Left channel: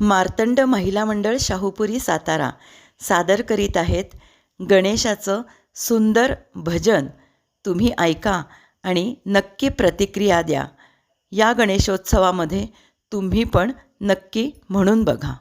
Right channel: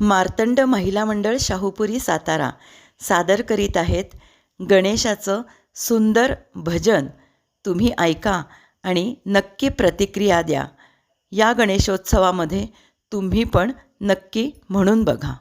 मार्तंड महिला मंडळ शाहूपुरी सातारा. सादर करीत आहेत गणेशाचं सुंदर भजन. तुम्ही ऐका आणि नक्की प्रतिक्रिया द्या. या गणेशोत्सवामध्ये तुम्ही पण नक्की म्हणून बघा.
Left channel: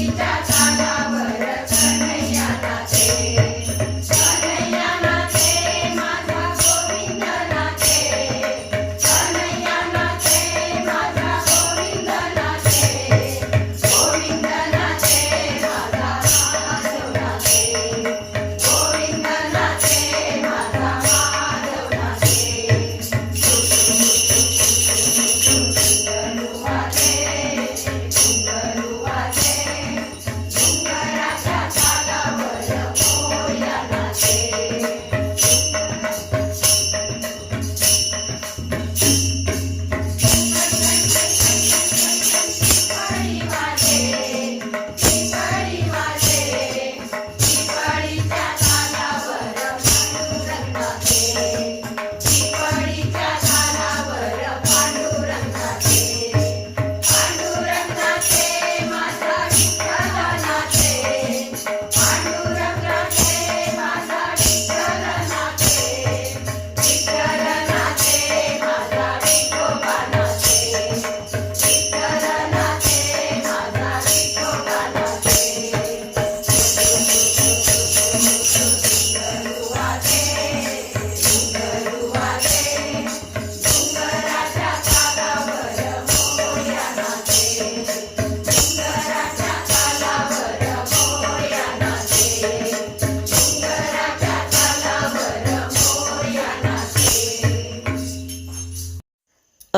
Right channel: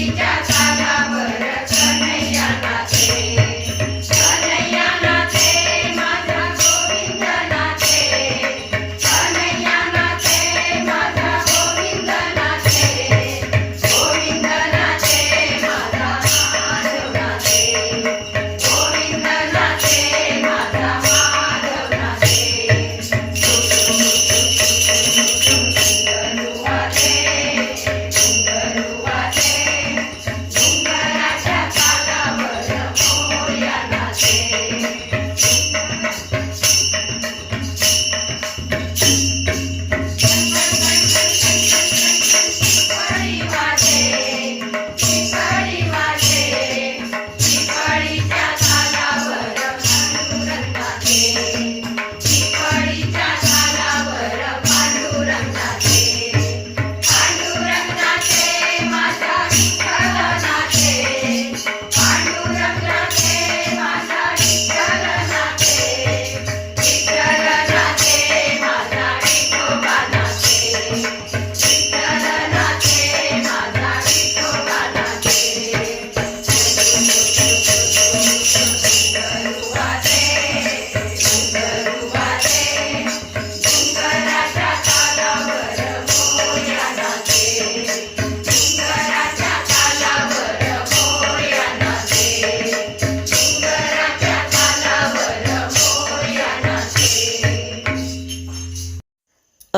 we got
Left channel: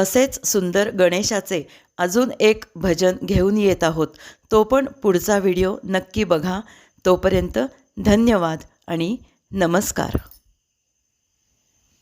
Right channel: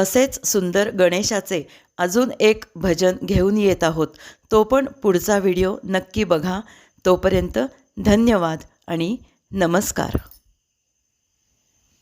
असेच सुंदर गणेशाचे अजून एक भजन घेऊन येत आहोत. तो पण पुढचा व्हिडिओ नक्की बघा. तोपर्यंत धन्यवाद आणि नमस्कार.